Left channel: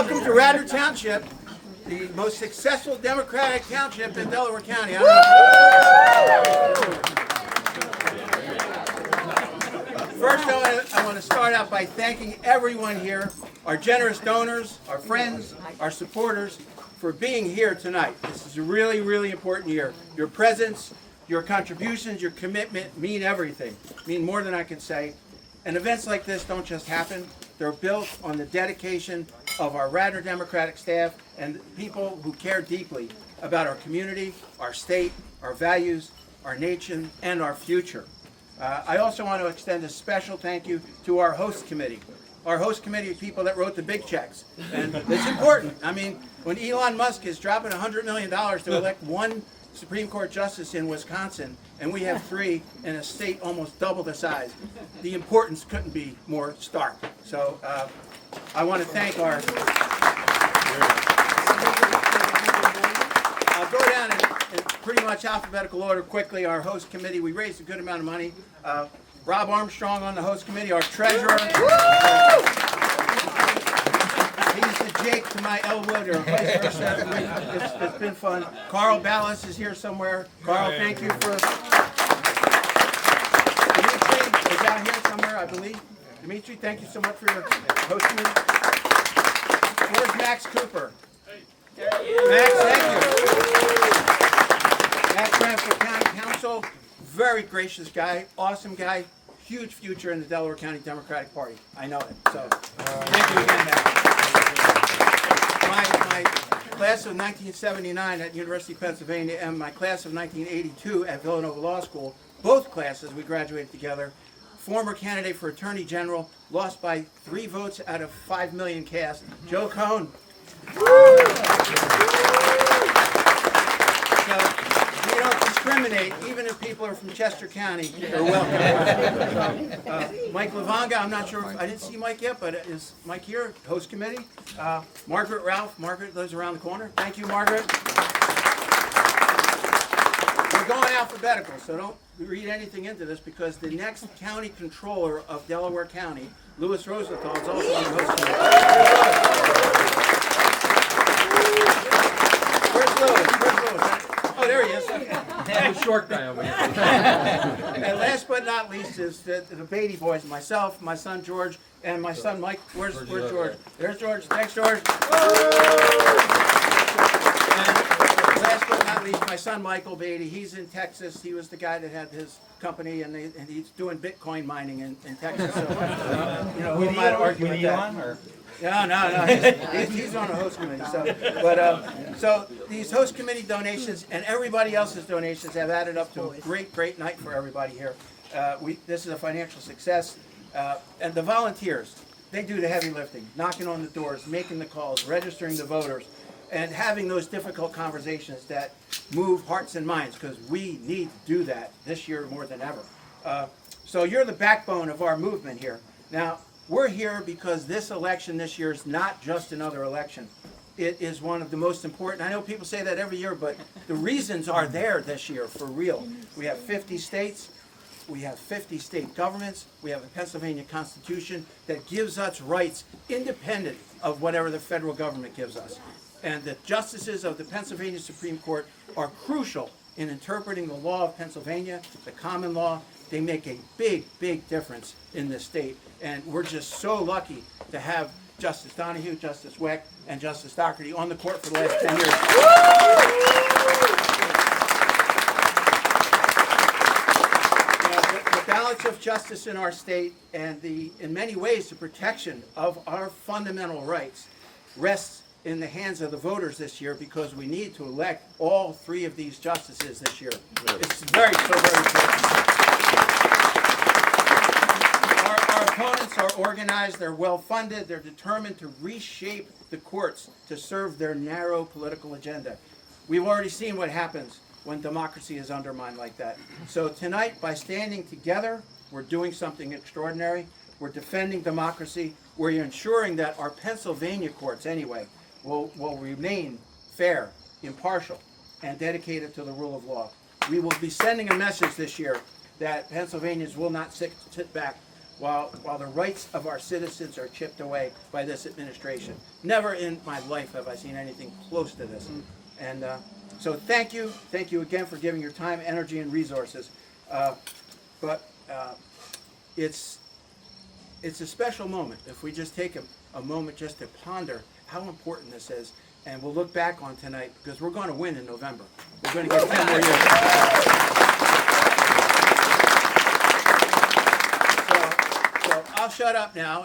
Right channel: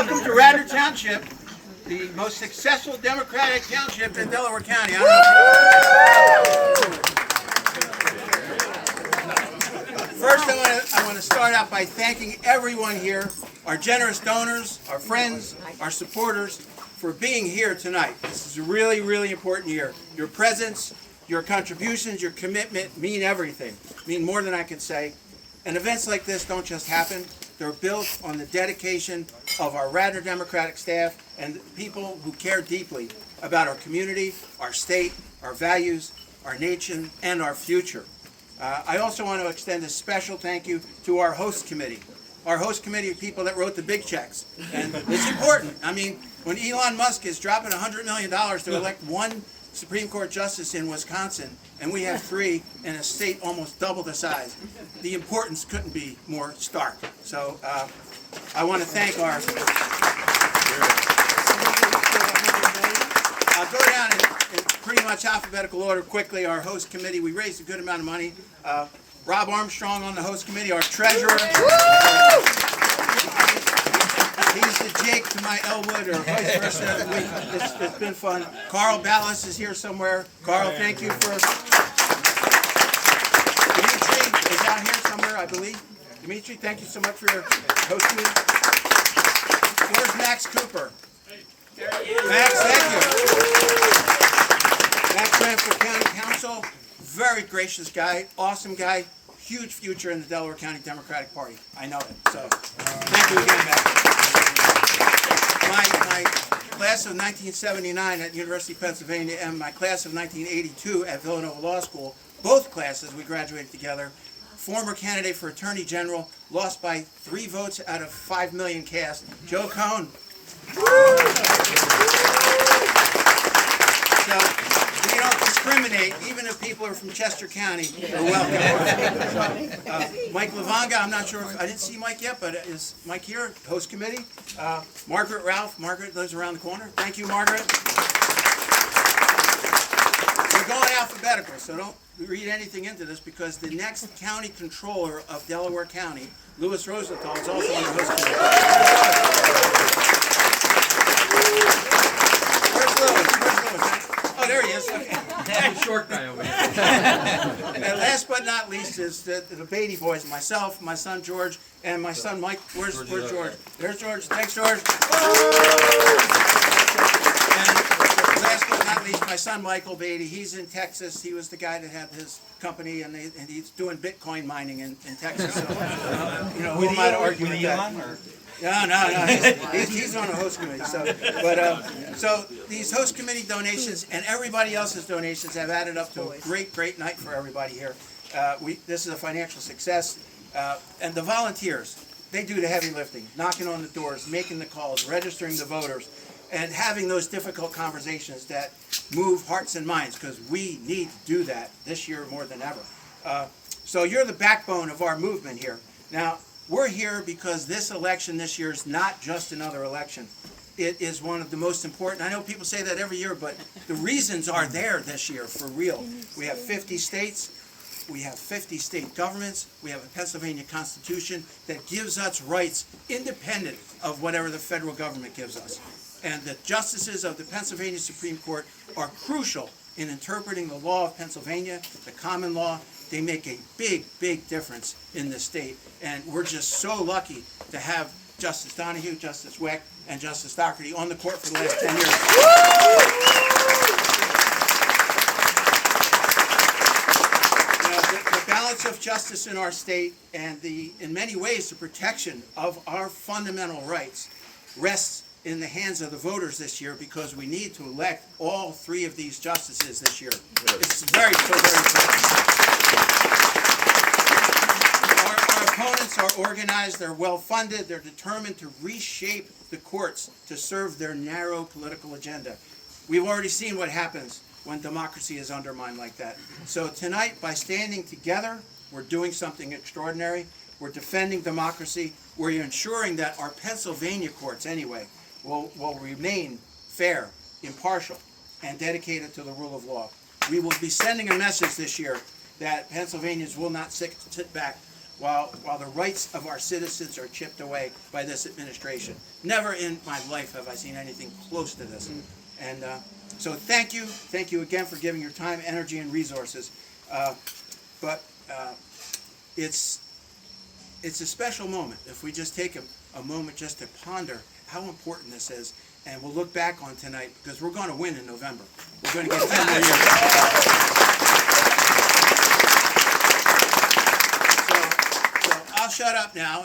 Welcome to Radnor Township, the most successful Democratic township in Delaware County. First, I want to start out by thanking everyone here, our generous donors, our friends, our supporters, for being here tonight. This is a really, really important year. Your presence, your contributions, your commitment mean everything, mean more than I can say. And events like this don't just happen. They're built on the dedication of our Radnor Democratic staff and people who care deeply about our community, our state, our values, our nation, and our future. I also want to extend a special thank you to our host committee. Our host committee of people that wrote the big checks. And it's important. I mean, when Elon Musk is dropping $100 million to elect one Supreme Court justice in Wisconsin, and we have 3 in a state almost double the size, the importance couldn't be more stark. So I want to thank our... I'll go down in pretty much alphabetical order quickly. Our host committee, we raised a good amount of money. Rob Armstrong on the host committee, our treasurer. He's the Jake to my Elwood, or vice versa. It's been fun. Carl Ballas is here somewhere. Carl, thank you for... Dimitri is out here somewhere, I believe. Dimitri, thank you so much for your hosting me. Where's Max Cooper? Max, thank you. Max ran for County Council. Very gracious guy, awesome guy, huge future in the Delaware County Democratic Party. I know it. So thank you again, Max. My class of 1979 at University of Pennsylvania and my class of 1982 at Villanova Law School, both classes we graduated together. Former candidate for Attorney General, lost by 3 votes out of 5 million cast, Joe Cohn. So, we don't discriminate, even if people are from Chester County, they're welcome. Mike Lavanga, I'm not sure, I didn't see Mike yet, but is Mike here? Host committee. Margaret Ralph, Margaret lives around the corner. Thank you, Margaret. We're going alphabetical, so don't read anything into this, because the next county controller of Delaware County, Louis Rosenthal, is also on the host committee. Where's Louis? Oh, there he is. Okay. Short guy over here. And last but not least is the Beatty boys, myself, my son George, and my son Mike. Where's George? There's George. Thanks, George. And last but not least, my son Michael Beatty. He's in Texas. He was the guy that had his company, and he's doing Bitcoin mining in Texas. So, who am I to argue with that? No. He's on the host committee. So these host committee donations and everybody else's donations have added up to a great night for everybody here. This is a financial success. And the volunteers, they do the heavy lifting, knocking on the doors, making the calls, registering the voters, and having those difficult conversations that move hearts and minds, because we need to do that this year more than ever. So you're the backbone of our movement here. Now, we're here because this election this year is not just another election. It is one of the most important. I know people say that every year, but the reasons are there this year for real. We have 50 states. We have 50 state governments. We have a Pennsylvania Constitution that gives us rights independent of whatever the federal government gives us. And the justices of the Pennsylvania Supreme Court are crucial in interpreting the law of Pennsylvania, the common law. They make a big difference in this state. And we're just so lucky to have Justice Donahue, Justice Weck, and Justice Doherty on the court for the last 10 years. The balance of justice in our state and in many ways, the protection of our fundamental rights rests in the hands of the voters this year, because we need to elect all 3 of these justices this year. It's very important. Our opponents are organized, they're well-funded, they're determined to reshape the courts to serve their narrow political agenda. We've already seen what happens when democracy is undermined like that. So tonight, by standing together, we're doing something extraordinary. We're defending democracy. We're ensuring that our Pennsylvania courts, anyway, will remain fair, impartial, and dedicated to the rule of law. We will be sending a message this year that Pennsylvanians will not sit back while the rights of our citizens are chipped away by this administration. Never in my life have I seen anything close to this. And so thank you again for giving your time, energy, and resources. But it's a special moment if we just take a moment just to ponder how important this is, and we'll look back on tonight, because we're going to win in November. We're going to get 10 more years. So I'll shut up now,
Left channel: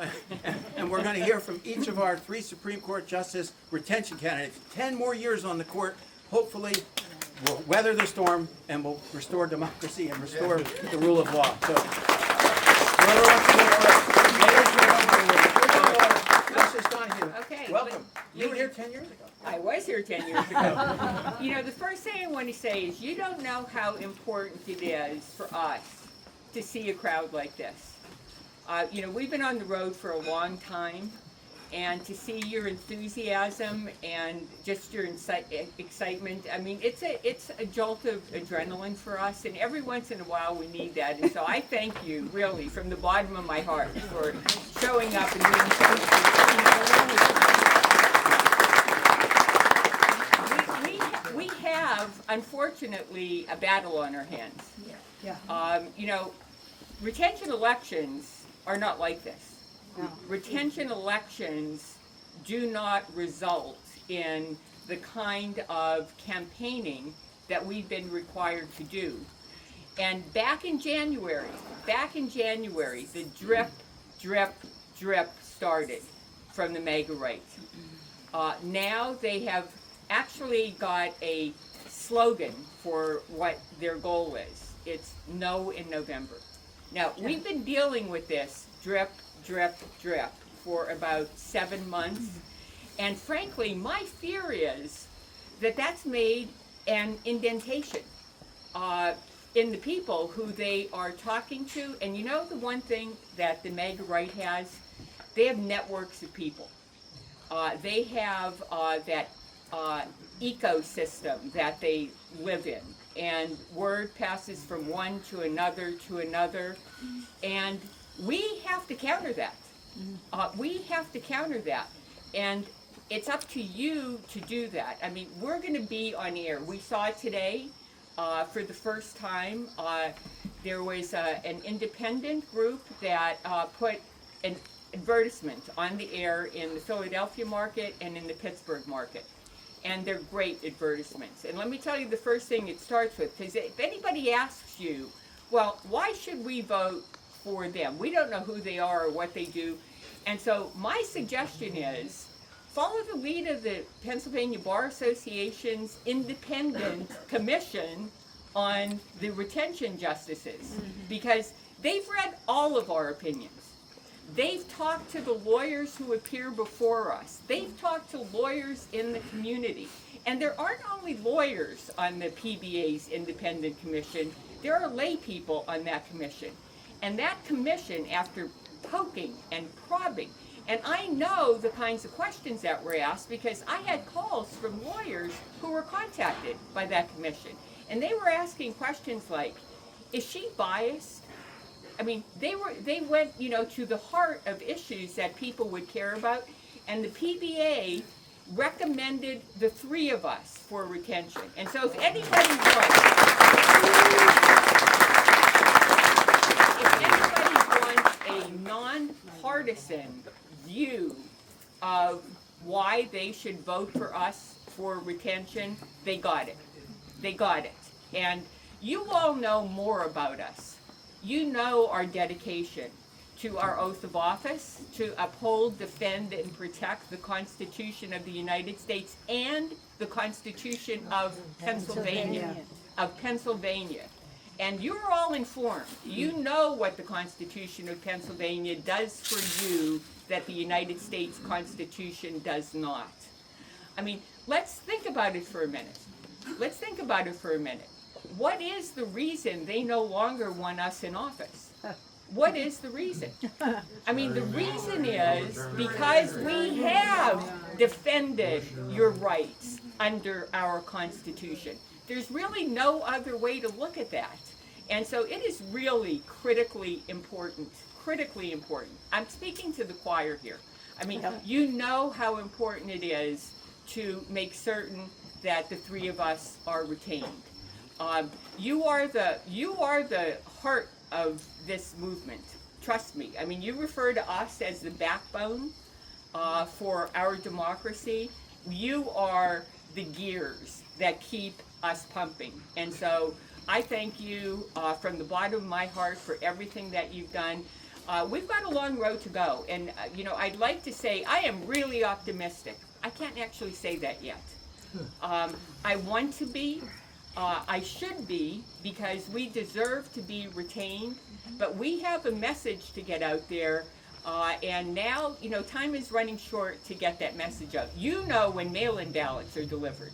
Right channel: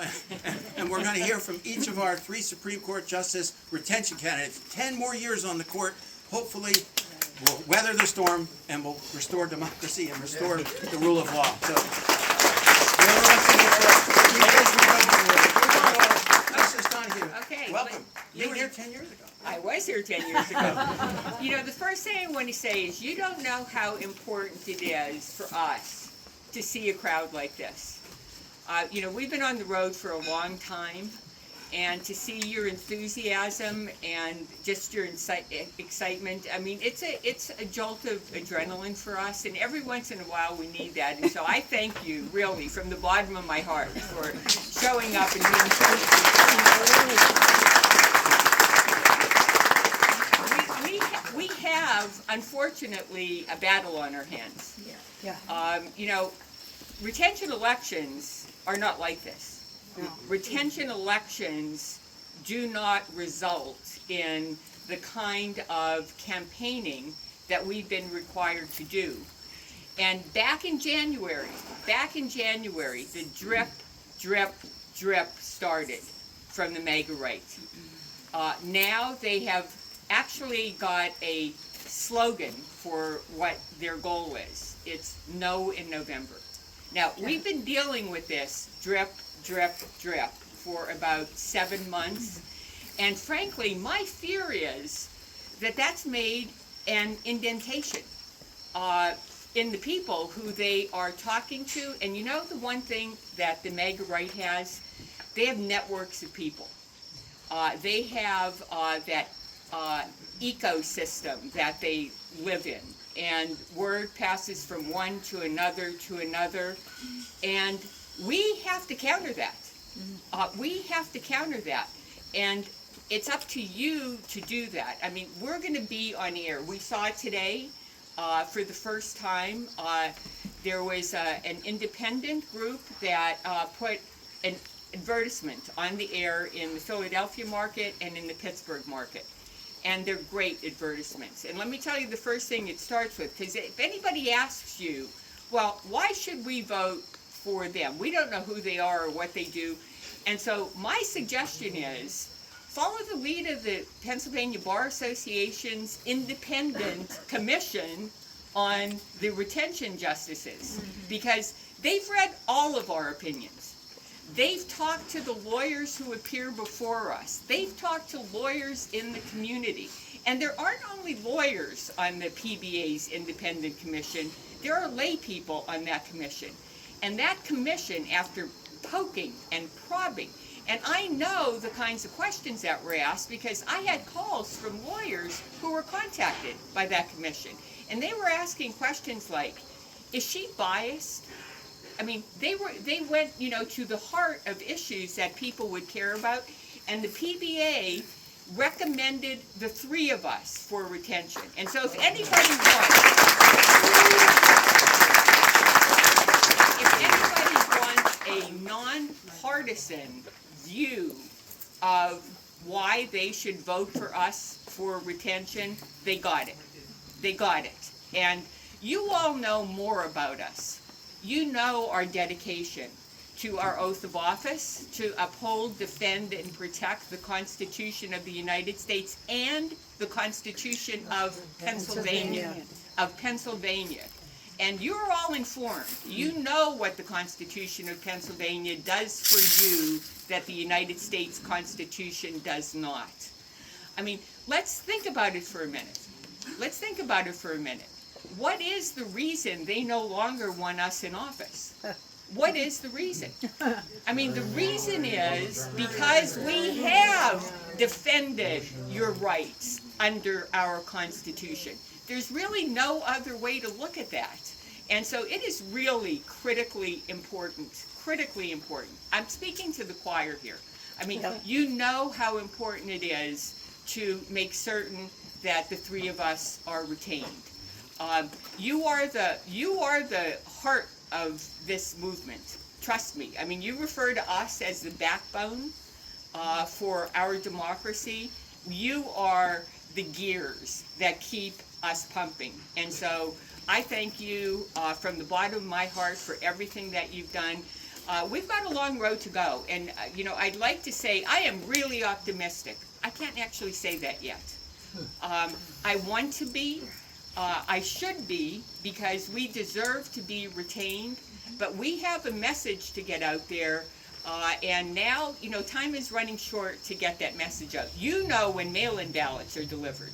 and we're going to hear from each of our 3 Supreme Court Justice retention candidates. 10 more years on the court. Hopefully, we'll weather the storm, and we'll restore democracy and restore the rule of law. So, whoever wants to go first. Justice Donahue, Okay. welcome. You were here 10 years ago. I was here 10 years ago. You know, the first thing I want to say is you don't know how important it is for us to see a crowd like this. You know, we've been on the road for a long time, and to see your enthusiasm and just your excitement, I mean, it's a jolt of adrenaline for us, and every once in a while we need that. And so I thank you, really, from the bottom of my heart, for showing up and being so. We have, unfortunately, a battle on our hands. You know, retention elections are not like this. No. Retention elections do not result in the kind of campaigning that we've been required to do. And back in January, the drip, drip, drip started from the MAGA right. Now they have actually got a slogan for what their goal is. It's no in November. Now, we've been dealing with this drip, drip, drip for about 7 months. And frankly, my fear is that that's made an indentation in the people who they are talking to. And you know the one thing that the MAGA right has? They have networks of people. They have that ecosystem that they live in. And word passes from one to another, and we have to counter that. We have to counter that, and it's up to you to do that. I mean, we're going to be on air. We saw it today for the first time. There was an independent group that put an advertisement on the air in the Philadelphia market and in the Pittsburgh market. And they're great advertisements. And let me tell you the first thing it starts with, because if anybody asks you, well, why should we vote for them? We don't know who they are or what they do. And so my suggestion is, follow the lead of the Pennsylvania Bar Association's independent commission on the retention justices, because they've read all of our opinions. They've talked to the lawyers who appear before us. They've talked to lawyers in the community. And there aren't only lawyers on the PBA's independent commission, there are lay people on that commission. And that commission, after poking and probing, and I know the kinds of questions that were asked because I had calls from lawyers who were contacted by that commission. And they were asking questions like, is she biased? I mean, they went, you know, to the heart of issues that people would care about, and the PBA recommended the 3 of us for retention. And so if anybody wants a nonpartisan view of why they should vote for us for retention, they got it. They got it. And you all know more about us. You know our dedication to our oath of office, to uphold, defend, and protect the Constitution of the United States and the Constitution of Pennsylvania. And you're all informed. You know what the Constitution of Pennsylvania does for you that the United States Constitution does not. I mean, let's think about it for a minute. Let's think about it for a minute. What is the reason they no longer want us in office? What is the reason? I mean, the reason is because we have defended your rights under our Constitution. There's really no other way to look at that. And so it is really critically important critically important. I'm speaking to the choir here. I mean, you know how important it is to make certain that the three of us are retained. You are the heart of this movement. Trust me. I mean, you refer to us as the backbone for our democracy. You are the gears that keep us pumping. And so I thank you from the bottom of my heart for everything that you've done. We've got a long road to go. And, I'd like to say I am really optimistic. I can't actually say that yet. I want to be. I should be, because we deserve to be retained. But we have a message to get out there. And now, time is running short to get that message out. When mail-in ballots are delivered.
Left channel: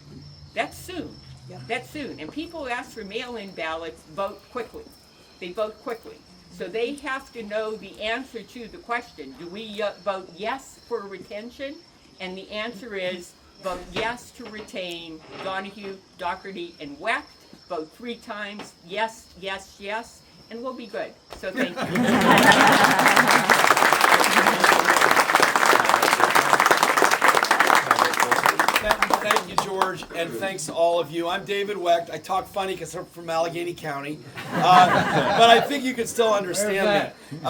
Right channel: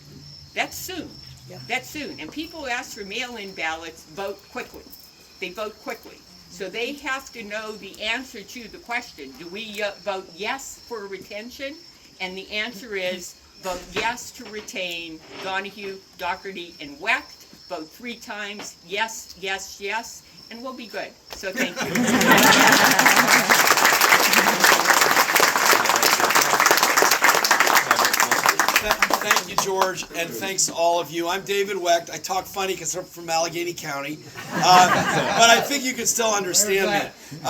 That's soon. Yep. That's soon. And people who ask for mail-in ballots vote quickly. They vote quickly. So they have to know the answer to the question. Do we vote yes for retention? And the answer is vote yes to retain Donahue, Doherty, and Wecht. Vote 3 times, yes, yes, yes, and we'll be good. So thank you. Thank you, George, and thanks to all of you. I'm David Wecht. I talk funny because I'm from Allegheny County, but I think you can still understand me.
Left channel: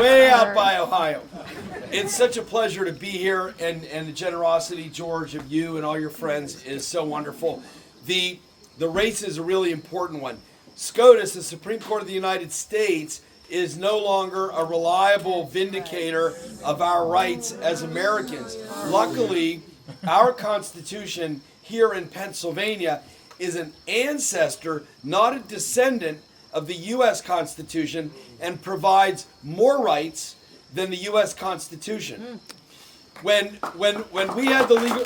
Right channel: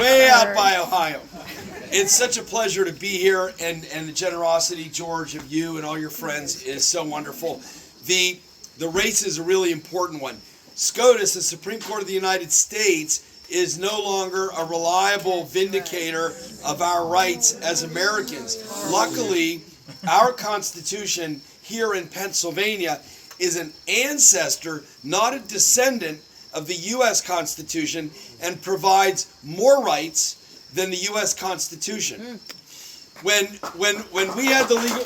Way out by Ohio. It's such a pleasure to be here, and the generosity, George, of you and all your friends is so wonderful. The race is a really important one. SCOTUS, the Supreme Court of the United States, is no longer a reliable vindicator of our rights as Americans. Luckily, our Constitution here in Pennsylvania is an ancestor, not a descendant, of the U.S. Constitution, and provides more rights than the U.S. Constitution. When we had the legal,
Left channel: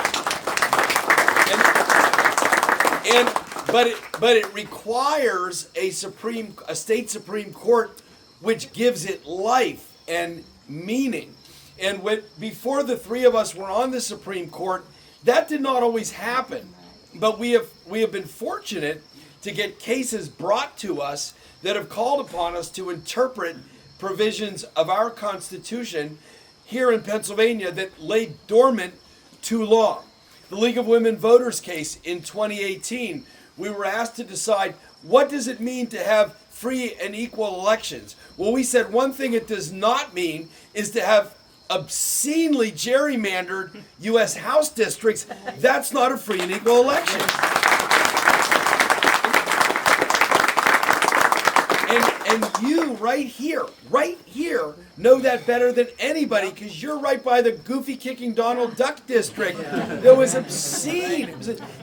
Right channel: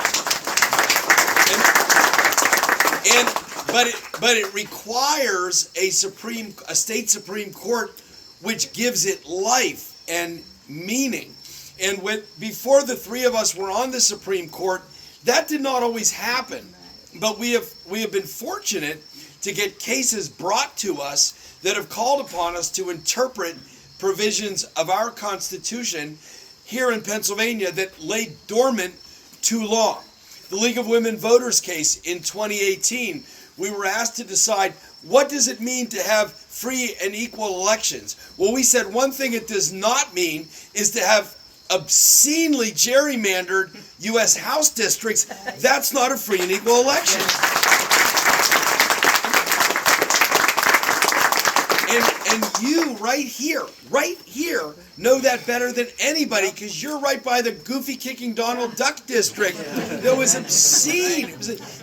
but it requires a state Supreme Court which gives it life and meaning. And before the three of us were on the Supreme Court, that did not always happen. But we have been fortunate to get cases brought to us that have called upon us to interpret provisions of our Constitution here in Pennsylvania that lay dormant too long. The League of Women Voters case in 2018, we were asked to decide, what does it mean to have free and equal elections? Well, we said one thing it does not mean is to have obscenely gerrymandered U.S. House districts. That's not a free and equal election. And you right here, know that better than anybody, because you're right by the goofy kicking Donald Duck district. That was obscene.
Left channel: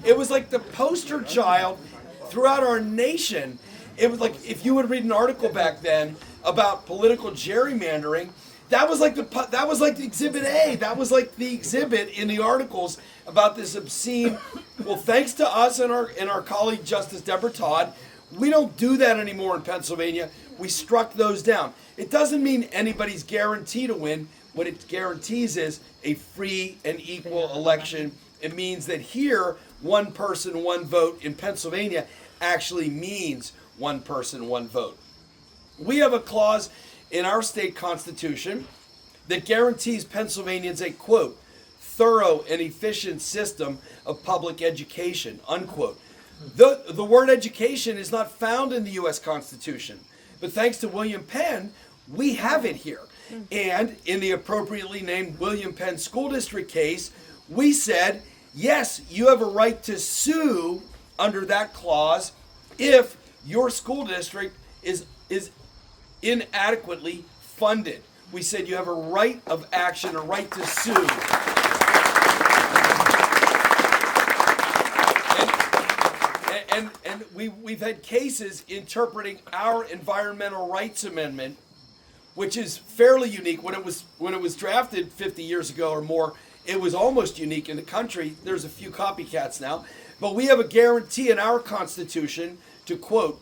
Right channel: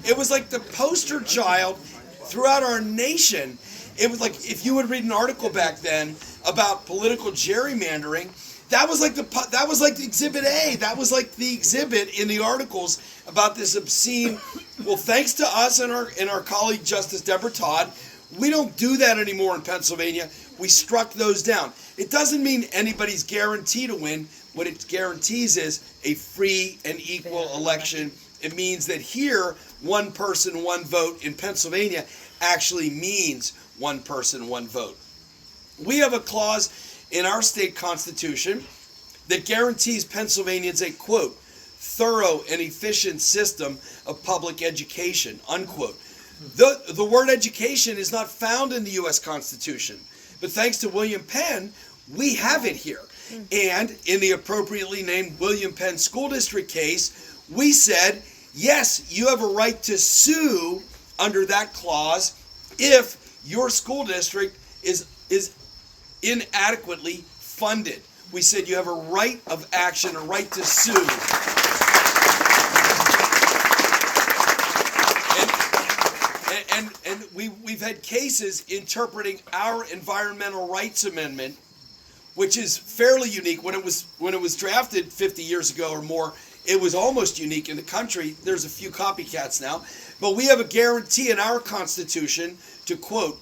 It was like the poster child throughout our nation. It was like, if you would read an article back then about political gerrymandering, that was like the exhibit A. That was like the exhibit in the articles about this obscene. Well, thanks to us and our colleague Justice Deborah Todd, we don't do that anymore in Pennsylvania. We struck those down. It doesn't mean anybody's guaranteed to win. What it guarantees is a free and equal election. It means that here, one person, one vote in Pennsylvania actually means one person, one vote. We have a clause in our state constitution that guarantees Pennsylvanians a, quote, thorough and efficient system of public education, unquote. The word education is not found in the U.S. Constitution, but thanks to William Penn, we have it here. And in the appropriately named William Penn School District case, we said, yes, you have a right to sue under that clause if your school district is inadequately funded. We said you have a right of action, a right to sue. And we've had cases interpreting our Environmental Rights Amendment, which is fairly unique. When it was drafted 50 years ago or more, it was almost unique in the country. There's a few copycats now. But we have a guarantee in our Constitution to, quote,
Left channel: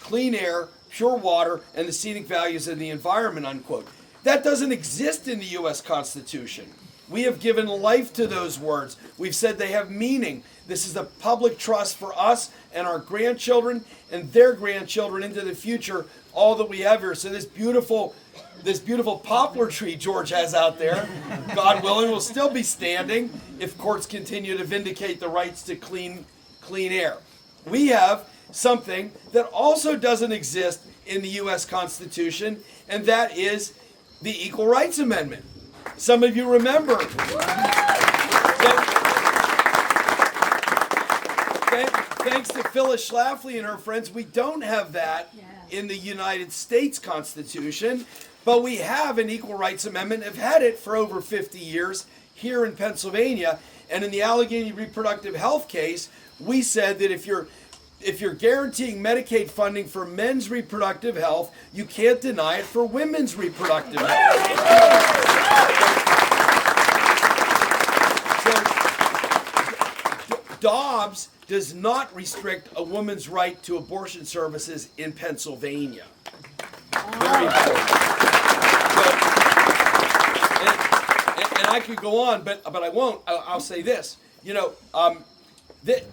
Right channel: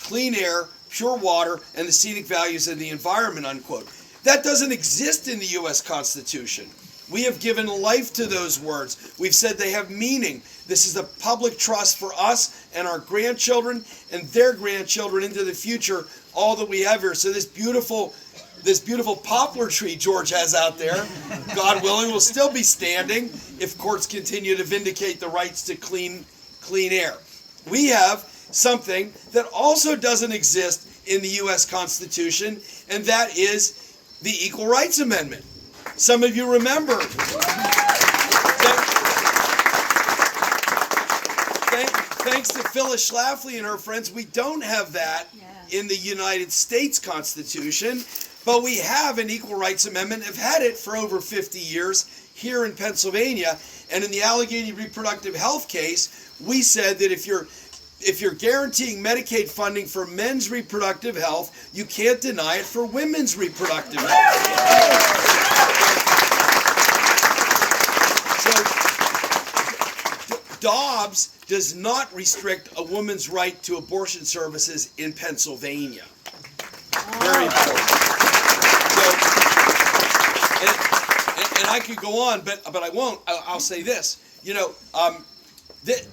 clean air, pure water, and the scenic values of the environment, unquote. That doesn't exist in the U.S. Constitution. We have given life to those words. We've said they have meaning. This is a public trust for us and our grandchildren and their grandchildren into the future, all that we have here. So this beautiful poplar tree George has out there, God willing, will still be standing if courts continue to vindicate the rights to clean air. We have something that also doesn't exist in the U.S. Constitution, and that is the Equal Rights Amendment. Some of you remember. Thanks to Phyllis Schlafly and her friends, we don't have that in the United States Constitution, but we have an Equal Rights Amendment, have had it for over 50 years here in Pennsylvania. And in the Allegheny reproductive health case, we said that if you're guaranteeing Medicaid funding for men's reproductive health, you can't deny it for women's reproductive health. So, Dobbs does not restrict a woman's right to abortion services in Pennsylvania. Very important. And I could go on, but I won't. I'll say this.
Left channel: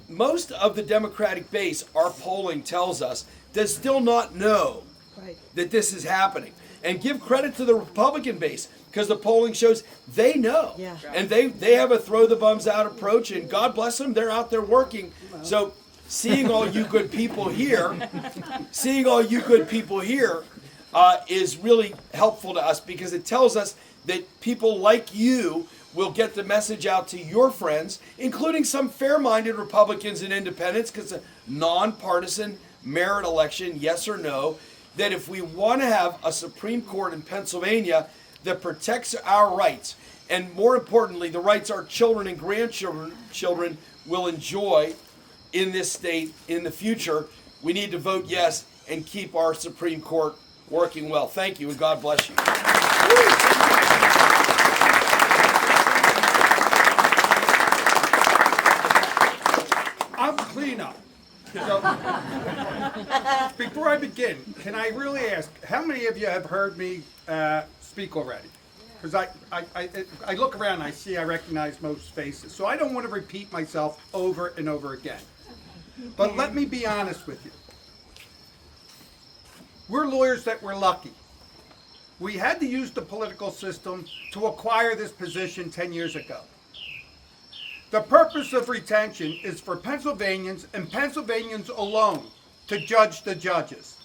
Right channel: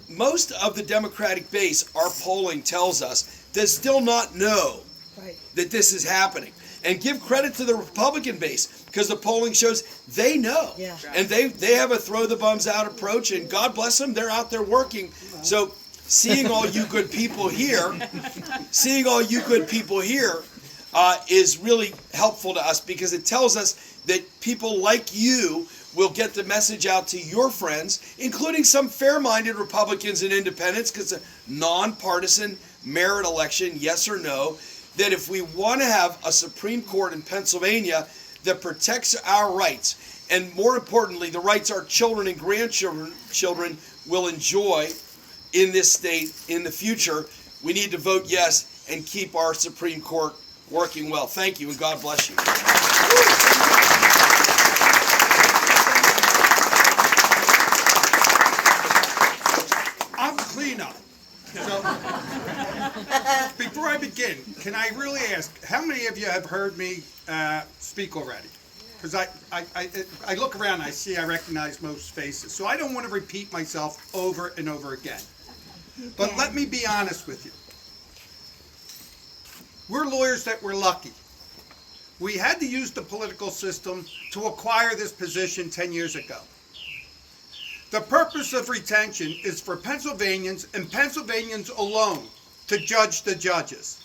Most of the Democratic base, our polling tells us, does still not know that this is happening. And give credit to the Republican base, because the polling shows they know. Yeah. And they have a throw the bums out approach, and God bless them, they're out there working. So seeing all you good people here, is really helpful to us, because it tells us that people like you will get the message out to your friends, including some fair-minded Republicans and independents, because it's a nonpartisan merit election, yes or no, that if we want to have a Supreme Court in Pennsylvania that protects our rights, and more importantly, the rights our children and grandchildren will enjoy in this state in the future, we need to vote yes and keep our Supreme Court working well. Thank you, and God bless you. I'm cleanup. So, before I begin, can I really ask, how many of you have heard me speak already? Because I look around, I recognize most faces. So I don't want to repeat myself over and over again. But let me be honest with you. We're lawyers that were lucky. We had to use the political system to acquire this position 10 years ago. The purpose of retention is for Pennsylvanians and Pennsylvanians alone to judge the judges.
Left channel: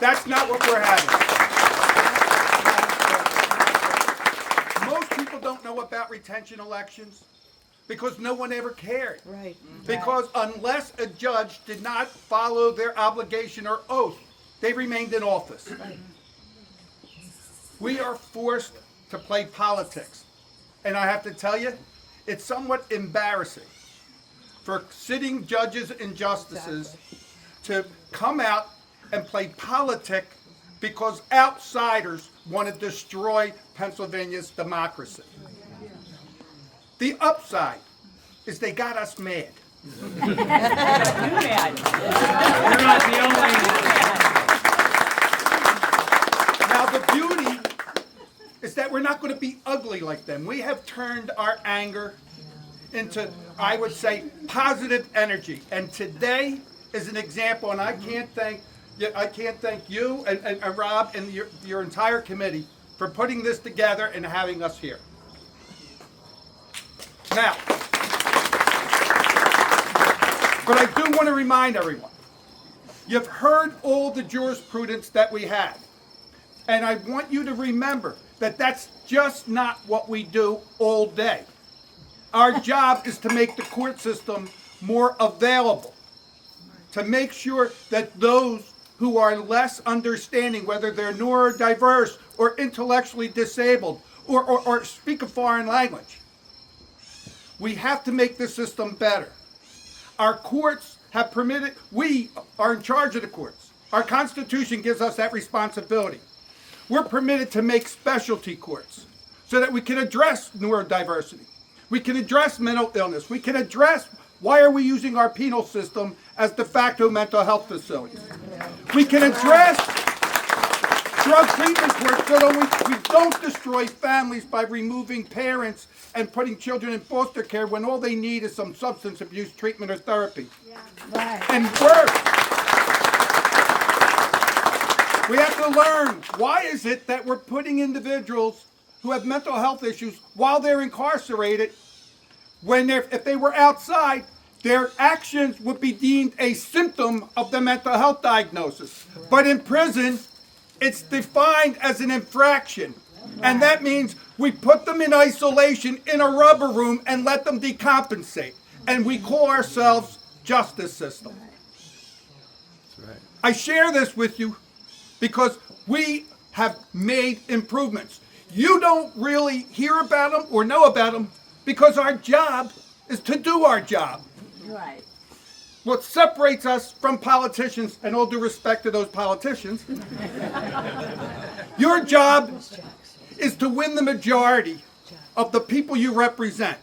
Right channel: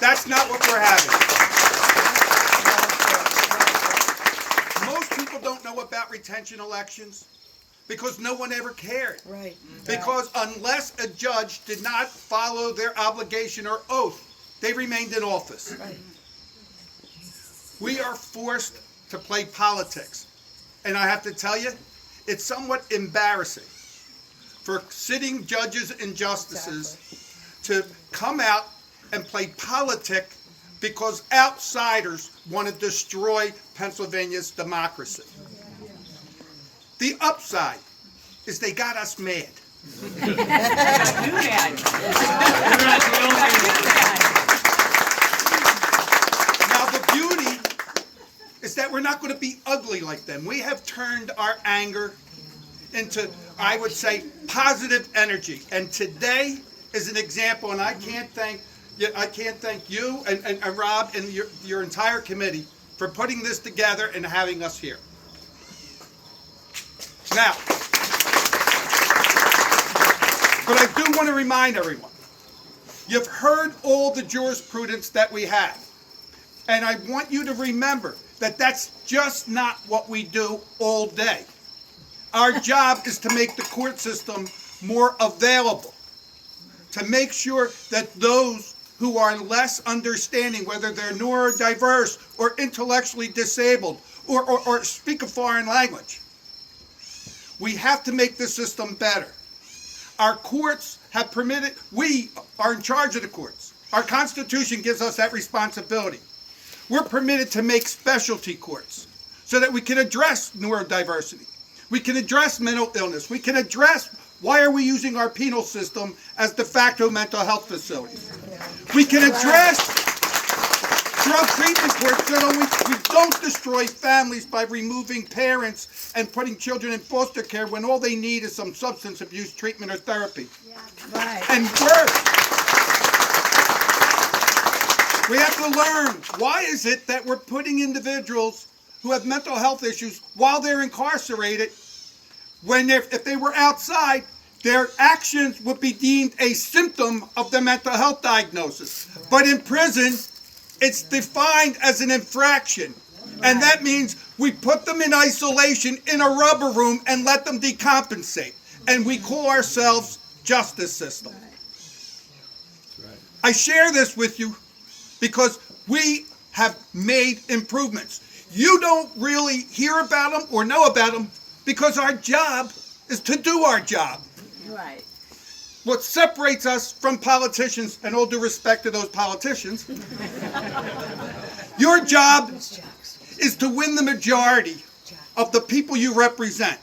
That's not what we're having. Most people don't know about retention elections because no one ever cared. Right. Because unless a judge did not follow their obligation or oath, they remained in office. Right. We are forced to play politics. And I have to tell you, it's somewhat embarrassing for sitting judges and justices to come out and play politic because outsiders want to destroy Pennsylvania's democracy. The upside is they got us mad. You're not the only one. Now the beauty is that we're not going to be ugly like them. We have turned our anger into, I would say, positive energy. And today is an example, and I can't thank you and Rob and your entire committee for putting this together and having us here. Now, but I do want to remind everyone, you've heard all the jurisprudence that we have. And I want you to remember that that's just not what we do all day. Our job is to make the court system more available, to make sure that those who are less understanding, whether they're neurodiverse or intellectually disabled or speak a foreign language, we have to make the system better. Our courts have permitted, we are in charge of the courts. Our Constitution gives us that responsibility. We're permitted to make specialty courts so that we can address neurodiversity. We can address mental illness. We can address why are we using our penal system as de facto mental health facilities. We can address drug treatment courts that only You don't destroy families by removing parents and putting children in foster care when all they need is some substance abuse treatment or therapy. Right. And worse, we have to learn, why is it that we're putting individuals who have mental health issues while they're incarcerated, when if they were outside, their actions would be deemed a symptom of the mental health diagnosis. But in prison, it's defined as an infraction. And that means we put them in isolation in a rubber room and let them decompensate. And we call ourselves justice system. I share this with you because we have made improvements. You don't really hear about them or know about them because our job is to do our job. Right. What separates us from politicians, and all due respect to those politicians, your job is to win the majority of the people you represent.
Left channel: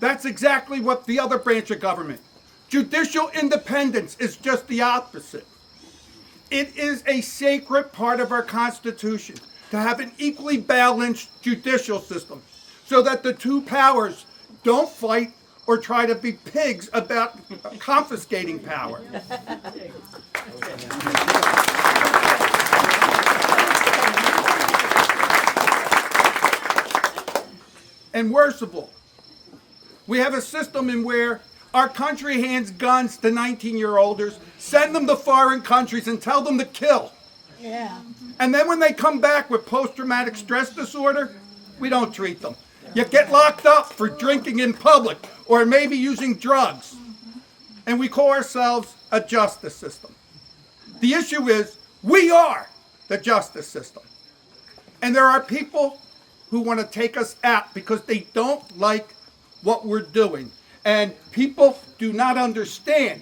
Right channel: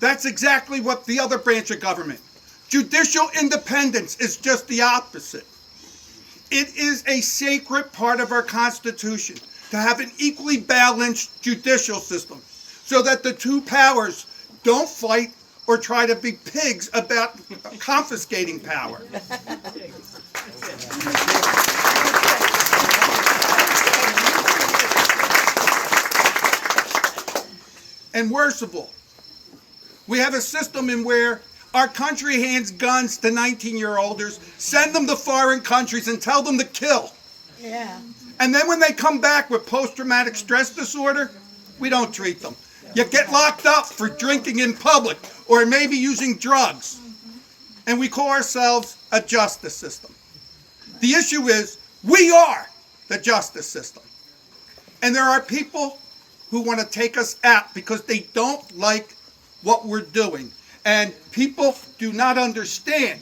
That's exactly what the other branch of government. Judicial independence is just the opposite. It is a sacred part of our Constitution to have an equally balanced judicial system so that the two powers don't fight or try to be pigs about confiscating power. And worst of all, we have a system in where our country hands guns to 19-year-olds, send them to foreign countries and tell them to kill. Yeah. And then when they come back with post-traumatic stress disorder, we don't treat them. You get locked up for drinking in public or maybe using drugs. And we call ourselves a justice system. The issue is, we are the justice system. And there are people who want to take us out because they don't like what we're doing. And people do not understand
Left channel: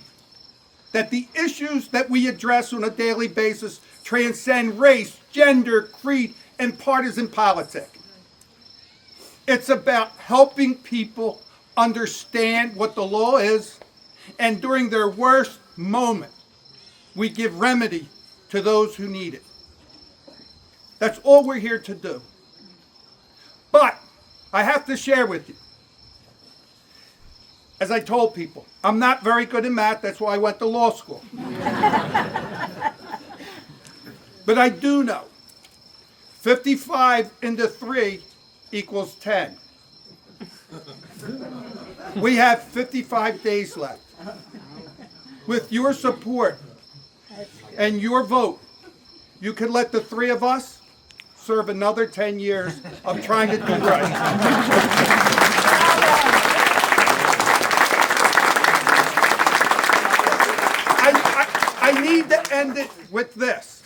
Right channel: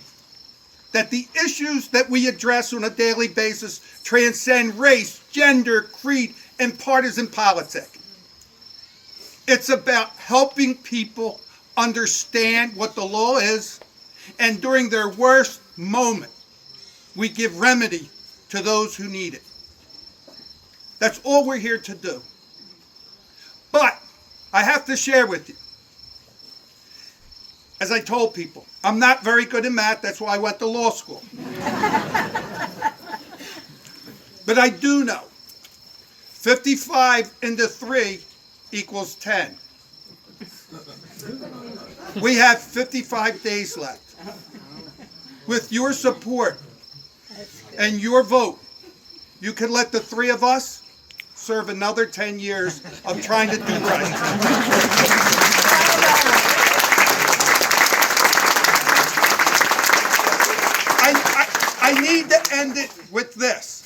that the issues that we address on a daily basis transcend race, gender, creed, and partisan politics. It's about helping people understand what the law is, and during their worst moment, we give remedy to those who need it. That's all we're here to do. But I have to share with you, as I told people, I'm not very good in math, that's why I went to law school. But I do know 55 into 3 equals 10. We have 55 days left. With your support and your vote, you can let the three of us serve another 10 years of trying to do right. I need to end it with this.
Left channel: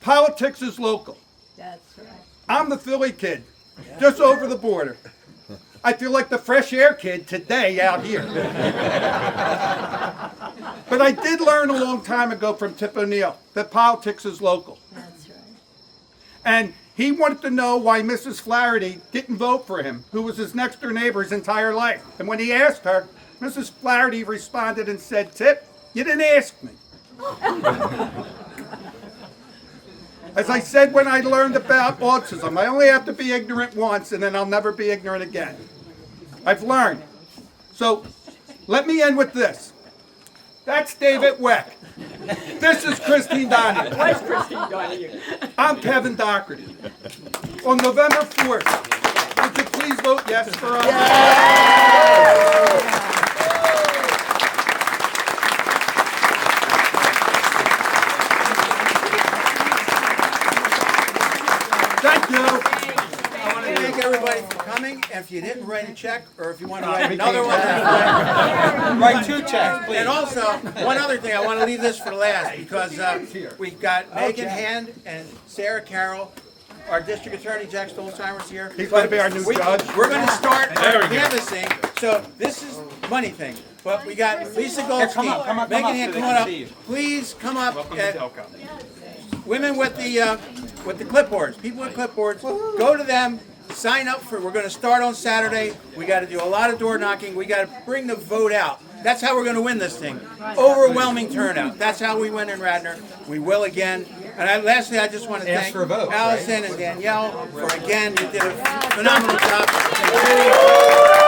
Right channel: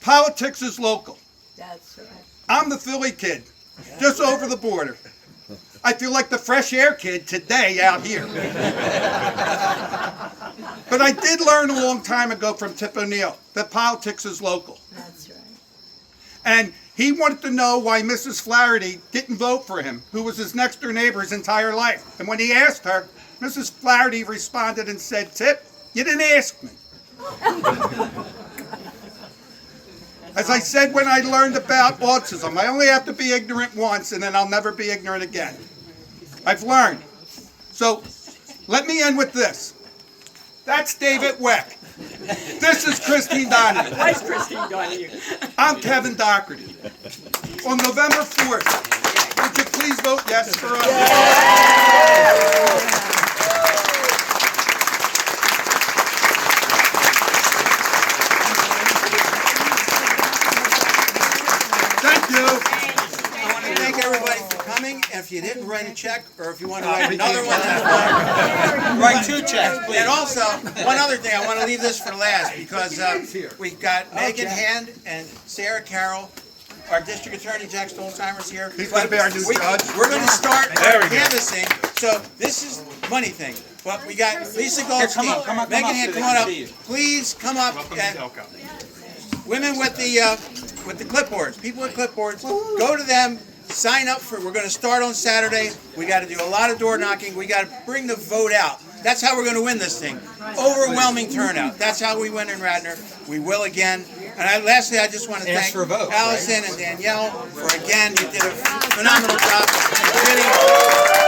Politics is local. That's right. I'm the Philly kid, just over the border. I feel like the fresh air kid today out here. But I did learn a long time ago from Tip O'Neill that politics is local. That's right. And he wanted to know why Mrs. Flaherty didn't vote for him, who was his next door neighbor his entire life. And when he asked her, Mrs. Flaherty responded and said, "Tip, you didn't ask me." As I said when I learned about autism, I only have to be ignorant once and then I'll never be ignorant again. I've learned. So let me end with this. That's David Weck. This is Christine Donahue. Where's Christine Donahue? I'm Kevin Doherty. On November 4th, would you please vote yes for us? Thank you. I want to thank everybody for coming, and if you didn't write a check, or if you want to write another one, Write 2 checks, please. and also, one other thing, I want to leave this for last, because we've got Megan Hand and Sarah Carroll, our district attorney, Jack Stolzheimer's here. He's going to be our new judge. We're going to start canvassing, so this is money thing. But we got Lisa Goldstein, Megan Hand, come on up. Please come up. And women with the clipboards, people with clipboards, go to them, sign up for. We're going to start on Saturday. We got to do a lot of door knocking. We got to bring the vote out. That's how we're going to win this thing. Overwhelming turnout. That's how we win in Radnor. We will again. And lastly, I just want to Ask thank for a vote, Allison right? and Danielle for again. You did a phenomenal job.